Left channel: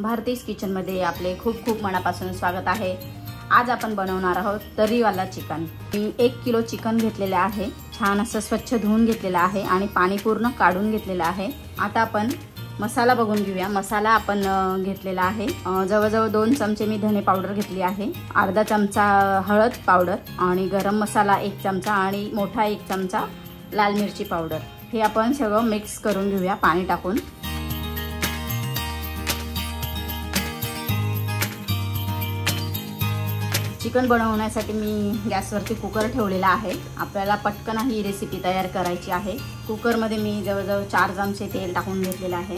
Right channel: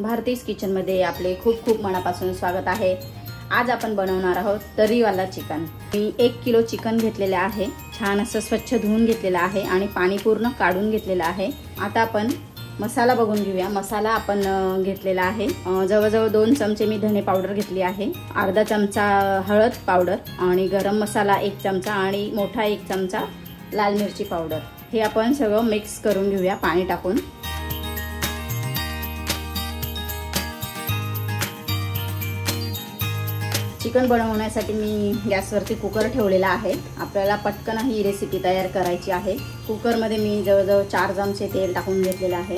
भारतीज kitchen मध्ये आपले खूप खूप मनापासून स्वागत आहे। आज आपण बनवणार आहोत तर्रीवाला चिकन। मी 1 किलो चिकन घेतलेले आहे, छान असं स्वच्छ धुवून घेतलेले आहे आणि पाणी पूर्ण काढून घेतलेले आहे। आता आपण मसाला बघून घेऊया। मसाला आपण घेतलेला आहे जवळजवळ 2 चमचे मी धने पावडर घेतली आहे, अर्धा चमचा हळद पावडर आणि गरम मसाला 1 चमचा आणि मोठा 1 चमचा लाल मिरची पावडर। हे आपण सगळं मिक्स करून घेऊया पाणी टाकून। चिकन बनवण्यासाठी मी गॅसवरती कुकर ठेवलेला आहे। आपल्याला पटकन ही रेसिपी तयार करायची आहे। कुकर मध्ये मी जवळजवळ 4 चमचे तेल टाकून घेतलेले आहे।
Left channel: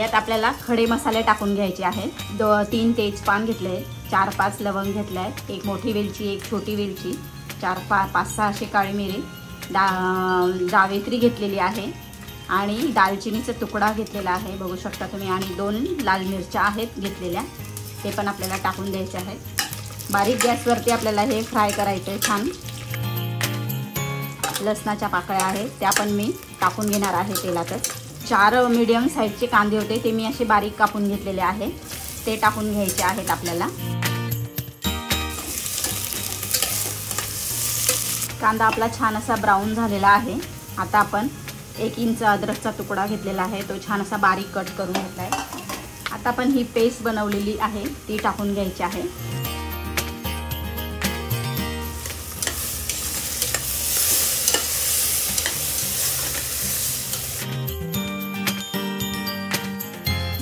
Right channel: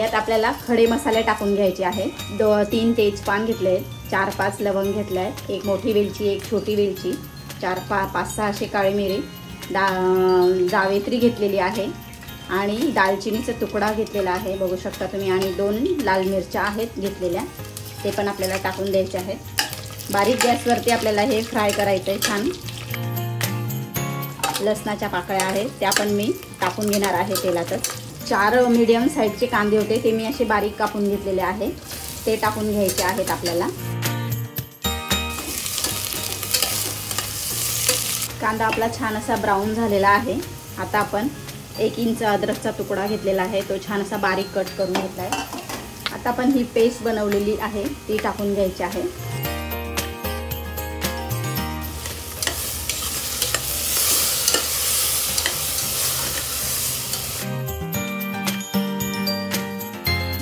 यात आपल्याला खडे मसाले टाकून घ्यायचे आहेत। 3 तेजपान घेतले, 4-5 लवंग घेतले, 1 मोठी वेलची, 1 छोटी वेलची, 4-5-6 असे काळी मिरी, जावेत्री घेतलेली आहे आणि दालचिनीचा तुकडा घेतलेला आहे बघू शकता तुम्ही, आणि 2 लाल मिरच्या आहेत घेतलेल्या, ते पण आपल्याला टाकून द्यायचे आहेत। बारीक गॅसवरती आपल्याला हे फ्राय करायचंय छान। लसणाच्या पाकळ्या आहेत त्या पण मी टाकून घेणार आहे तेलातच। 4 मीडियम साईजचे कांदे होते, ते मी असे बारीक कापून घेतलेले आहे, ते टाकून घ्यायचे आहेत आपल्याला। कांदा आपला छान असा ब्राऊन झालेला आहे। आता आपण 1 इंच अद्रकचा तुकडा घेतलेला आहे, तो छान असा बारीक कट करून घेतलाय। आता आपण ही पेस्ट बनवलेली आहे ती टाकून घ्यायची आहे।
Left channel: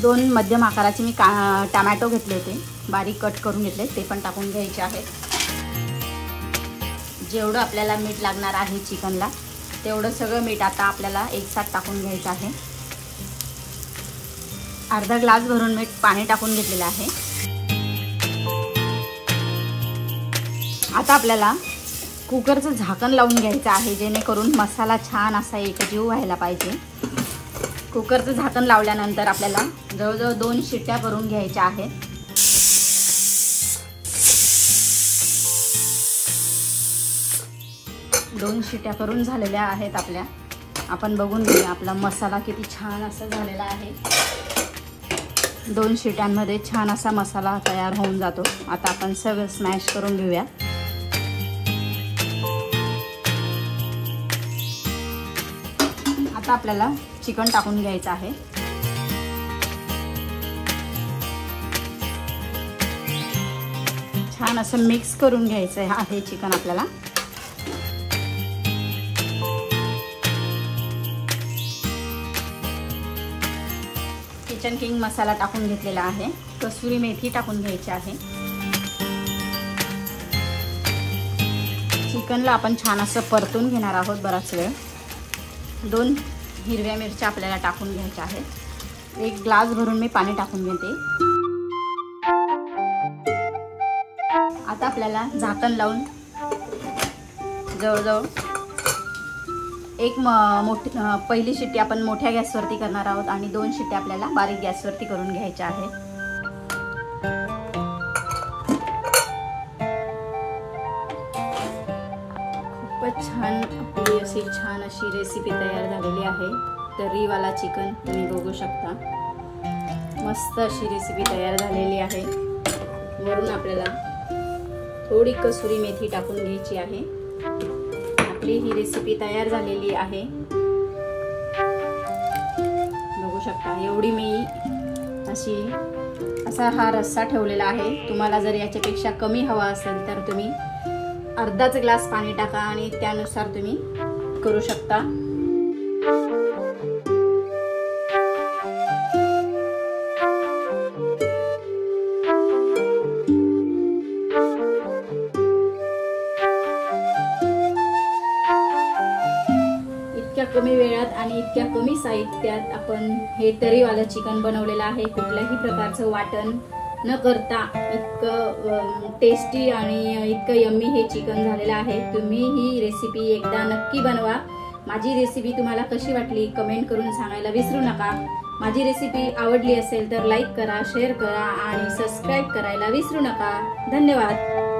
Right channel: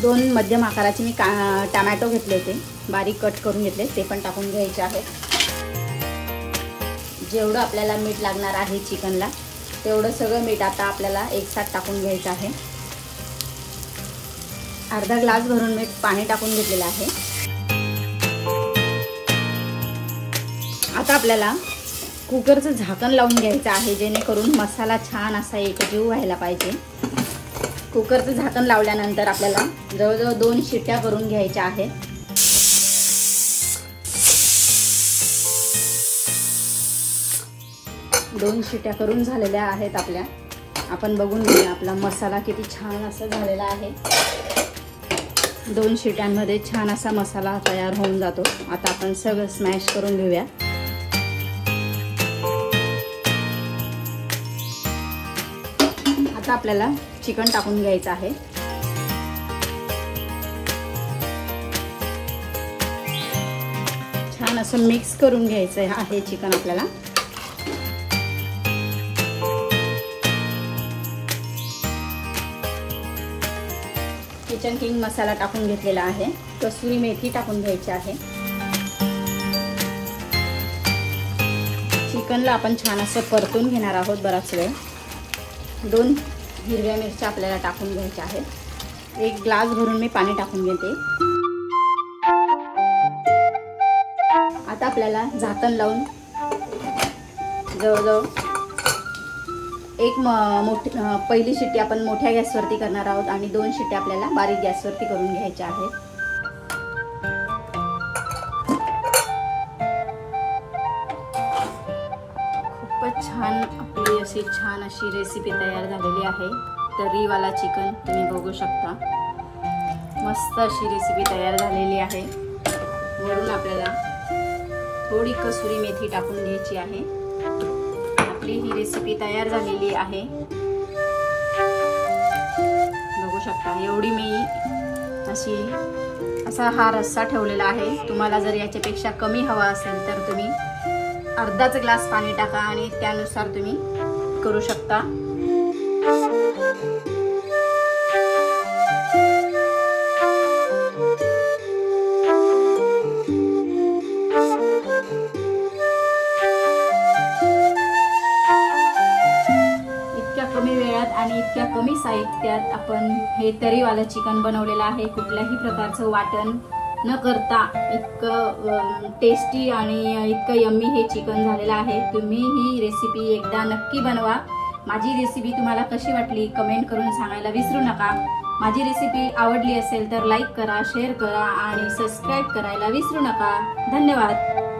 दोन मध्यम आकाराचे मी टोमॅटो घेतले, ते बारीक कट करून घेतले, ते पण टाकून घ्यायचे आहेत। जेवढं आपल्याला मीठ लागणार आहे चिकनला तेवढं सगळं मीठ आता आपल्याला एकसाथ टाकून घ्यायचं आहे। अर्धा ग्लास भरून मीठ पाणी टाकून घेतलेलं आहे। आता आपल्याला कुकरचं झाकण लावून घ्यायचं आहे, जेणेकरून मसाला छान असा एकजीव व्हायला पाहिजे। कुकरचं झाकण लावल्यानंतर आपल्याला जवळजवळ 2 शिट्ट्या करून घ्यायच्या आहेत। 2 शिट्ट्या करून झालेल्या आहेत आपल्या। आपण बघून घेऊया आपला मसाला किती छान असं झालेला आहे। 2 शिट्यांमध्ये छान असा मसाला तयार होऊन जातो। आता आपण सगळं स्मॅश करून घेऊया। आता आपल्याला चिकन टाकून घ्यायचं आहे। छान असं मिक्स करून घ्यायचं आहे चिकन आपल्याला। किचन किंग मसाला टाकून घेतलेला आहे, कसुरी मेथी टाकून घ्यायची आहे। चिकनला आपण छान असं परतून घेणार आहोत बराच वेळ। 2 हिरव्या मिरच्या आपल्याला टाकून घ्यायच्या आहेत। 1 ग्लास भरून मी पाणी टाकून घेते। आता आपल्याला झाकण लावून जवळजवळ पहिली शिट्टी आपण मोठ्या गॅसवरती करणार आहोत आणि 2 शिट्ट्या आपल्याला बारीक गॅसवरती करून घ्यायच्या आहेत। खूपच छान अशी रेसिपी तयार झालेली आहे। तर्रीवाला चिकन तुम्ही बघू शकता, मस्त अशी रेसिपी तयार झालेली आहे। वरून आपल्याला थोडी कसुरी मेथी टाकून घ्यायची आहे। ही रेसिपी तयार झालेली आहे बघू शकता। एवढी मी असा हा रस्सा ठेवलेला आहे। तुम्हाला जर याच्यापेक्षा कमी हवा असेल तर तुम्ही अर्धाच ग्लास पाणी टाका आणि त्यानुसार तुम्ही करू शकता। कमी वेळात आणि इतक्या कमी साहित्यात आपण हे तर्रीवाला चिकन बनवलेलं आहे। कुठल्याही प्रकारचं वाटण न करता इतकं टेस्टी आणि इतकं यम्मी हे चिकन झालेलं आहे। तुम्ही ही रेसिपी एकदा नक्की बनवा। माझी रेसिपी तुम्हाला कशी वाटली कमेंट करून सांगायला विसरू नका। माझी रेसिपी आवडली असेल तर लाईक करा, शेअर करा आणि सबस्क्राईब करायला विसरू नका। धन्यवाद।